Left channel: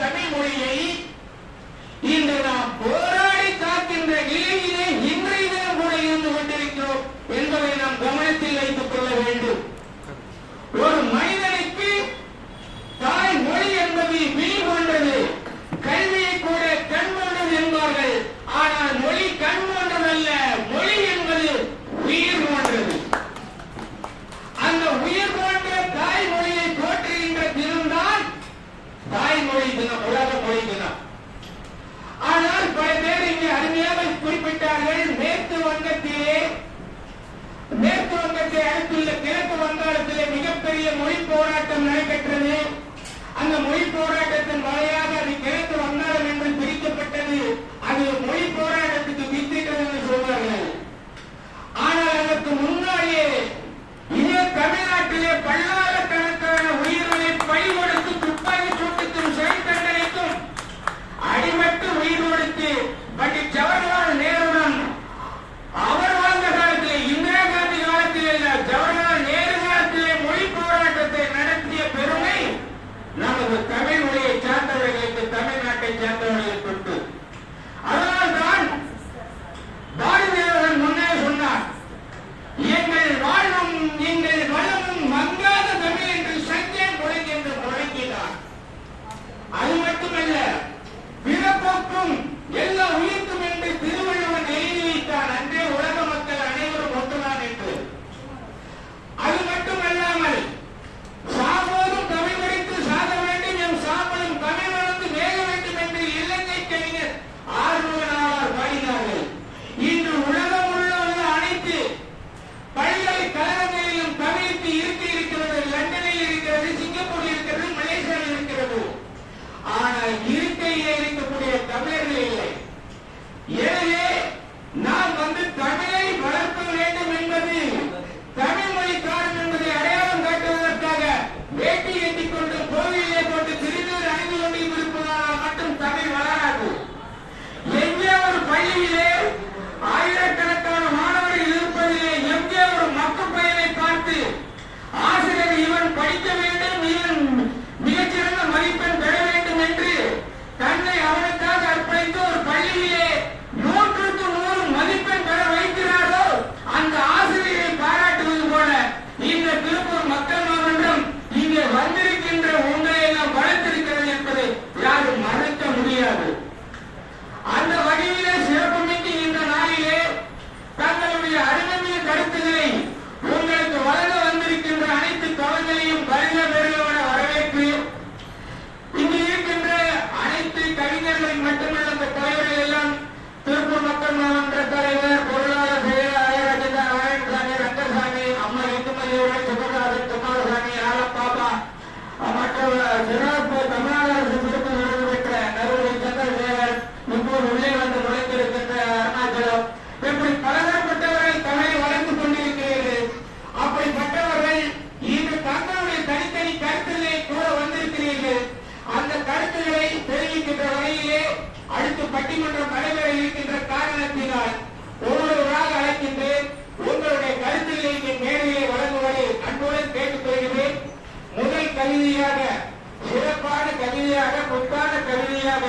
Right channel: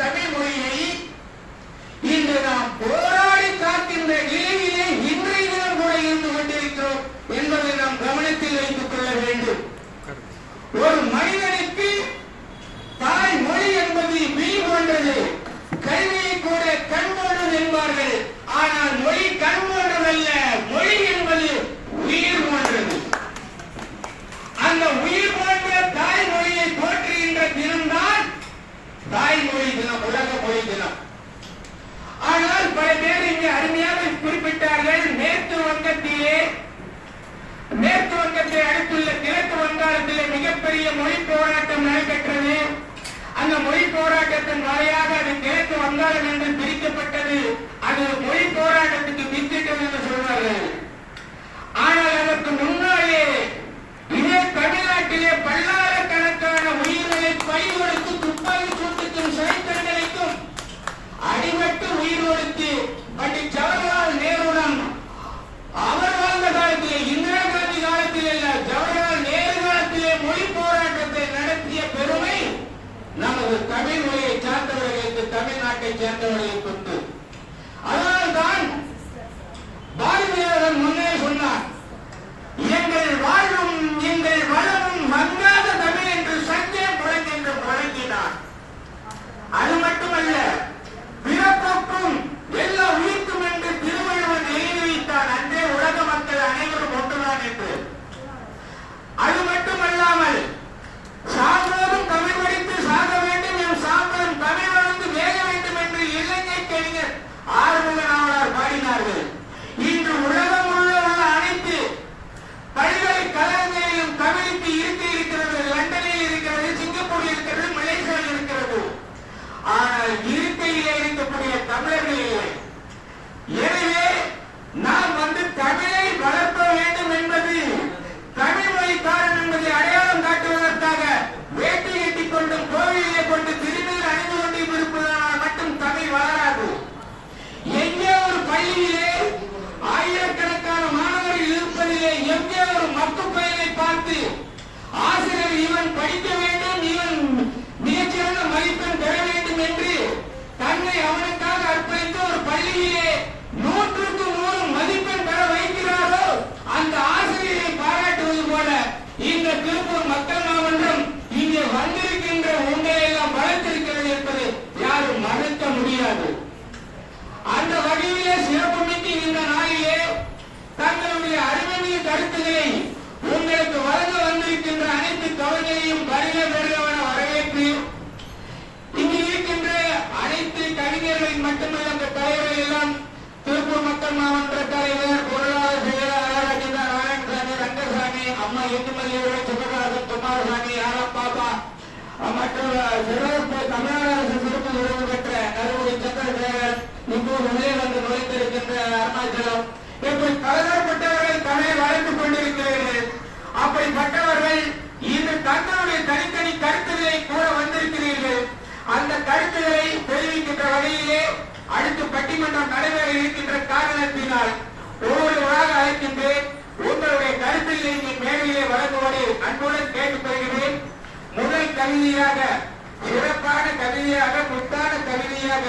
தமிழ் மொழியை இன்று நாம் போராடி காக்கின்ற நிலையிலே இன்றைய தினம் கூட இருந்து கொண்டிருக்கிறோம் என்பதை நாம் கவனத்தில் வைத்துக் கொள்ள வேண்டும். ஒரு மனிதனுக்கு தாய் மொழி என்பது விழி போன்றது. கல்வியை கூட கண் போன்றது என்பார்கள். ஆனால் மொழி கண் போன்றதல்ல, மொழி என்பது உயிர் போன்றது. அந்த உயிர் போன்ற தாய்மொழியை போற்றுகின்ற தினம்தான் தாய்மொழி தினம், உலக மொழி தினம். ஆனால் பல பேர் இங்கே அருமையாக குறிப்பிட்டார்கள். மேற்கு வங்கத்தை அடுத்துள்ள கிழக்கு வங்காளத்திலே மிகப்பெரிய மொழி போராட்டம் நடைபெற்றது. அந்த மொழி போராட்டத்தின் வழியாக அது கிழக்கு வங்காளம் என்று பிரிக்கப்பட்டது. அது மொழி போராட்டத்துக்கு வித்திட்டது என்று சொல்வார்கள். ஆனால் அதற்கு முன்னாலே இதே தமிழ்நாட்டிலே பல்லாயிரக்கணக்கான உயிர்களை பழி கொடுத்து துப்பாக்கி சூட்டுக்கும் சிறை தண்டனைக்கும் அடிபட்டு உயிர் கொடுத்து பண்டிட் ஜவஹர்லால் நேருடன் அவர் வாழ்ந்த காலத்திலே, இந்திரா காந்தி காலத்திலே இல்ல, ஜவஹர்லால் நேரு காலத்திலே மொழி போராட்டத்தை நடத்திய பெருமை நமது தமிழ் மொழியை சேர்ந்தவர்களுக்கு, தமிழ்நாட்டை சேர்ந்தவர்களுக்கு உண்டு. அதனால்தான் பாரதியார் முன்னே சொன்னார், எங்கள் வாழ்வும் எங்கள் வளமும் மங்காத தமிழ் என்று சங்கியம் முழங்கென்று முழங்கினார். அது மட்டுமல்ல, பிறப்புக்கும் எல்லா உயிர்க்கும் என்று திருவள்ளுவர் எழுதி வைத்தார். அன்றே உலக மக்கள் அனைவரும் ஒன்றுதான் என்று. அது மட்டுமல்லாமல் சாவோதும் தமிழ் படித்து சாக வேண்டும், என் சாம்பலும் தமிழ் வளர்ந்து வேக வேண்டும் என்று இளைஞர் கவிஞர் ஆறுமுகனார் பாடினார்கள். இன்று உலகம் உள்ள அனைத்து பல்கலைக்கழகங்களிலும் தமிழுக்கு இருக்கிறது. லண்டனில் இருக்கிறது, சிங்கப்பூரில் இருக்கிறது, மலேசியாவில் இருக்கிறது. ஆனால் இருக்கையிலே இருக்கக்கூடிய தமிழர்கள் இல்லை. எனவே நாம் தமிழை வளர்க்க வேண்டும் என்பது, தமிழ் மொழிக்காரன் என்பதை அடையாளம் காட்டுவதற்காக வேட்டி ஏற்றிக் கொண்டும் கோவிலே கொண்டு திருநீர் அணிந்து கொண்டு இருப்பதானால் மட்டும் தமிழ் வளராது. எங்கே ஒரு பள்ளியிலே ஆயிரக்கணக்கான மாணவர்கள் இருப்பதிலே எங்கே ஒரு மக்கள் பெயரை பார்த்து ஆசிரியர் இவன் படிக்க வேண்டும், இவன் மிகச்சிறந்த மதிப்பெண் பெற வேண்டும் என்று தன்னை அவனுக்காக அர்ப்பணித்து ஒரு பள்ளியிலே 100க்கு 100 மதிப்பெண் பெற வைக்கிறாரோ அந்த ஆசிரியரை பாராட்டுவது போல இந்த திருப்பூர் மக்கள் மாமன்றம் இங்கே வந்திருக்கின்ற உங்களை எல்லாம் வளர்த்திருக்கிறது என்பதை யாரும் மறுக்க முடியாது. அந்த வகையிலே சிறப்புமிக்க இந்த நாளிலே தங்களுடைய அறிவுமிகு கருத்துக்களை உங்களுக்கு வழங்க வந்திருக்கின்ற அனைத்து கவிஞரையும் வருக வருகவன வரவேற்று, இங்கு இருக்கின்ற அனைத்து கவிஞர்களின் மட்டுமல்ல அந்த தலைவர்கள் எல்லாம் திருப்பூர் மக்கள் மாவட்ட தலைவர், பொருளாளர் செயலாளர் நாராயணசாமி, ரங்கசாமி, அம்மா எட்டுமதியோட சிவகாசன், குமாரசாமி, ஆலப்பாப்பா மற்றும் தமிழ்நாடு அரசு சிறப்பு விருது பெற்ற நறுமுறை சந்திரசேகர், இப்போது உள்ளே வந்து நுழைந்திருக்கின்ற அருணாச்சலம், இப்படி பலதரப்பட்டவர்கள் தமிழை வளர்த்துக் கொண்டிருக்கிறீர்கள். அப்படிப்பட்டவர்கள் இன்று தங்களுடைய தனித்தனி கருத்துக்களை கூற வந்திருக்கிறீர்கள். அந்த கருத்துக்களை தெரிவிக்கின்ற வகையிலே அடுத்து பட்டிமன்றம் நடைபெற இருக்கின்ற காரணத்தினால் ஒவ்வொருவராக அழைக்கின்றேன். உங்களுடைய கருத்துக்களை இங்கே மேடையிலே வழங்குவதை அன்புடன் கேட்டுக்கொள்கிறேன். முதல் கவிதையாக, சிறப்பான கவிதையாக, முத்தான கவிதையாக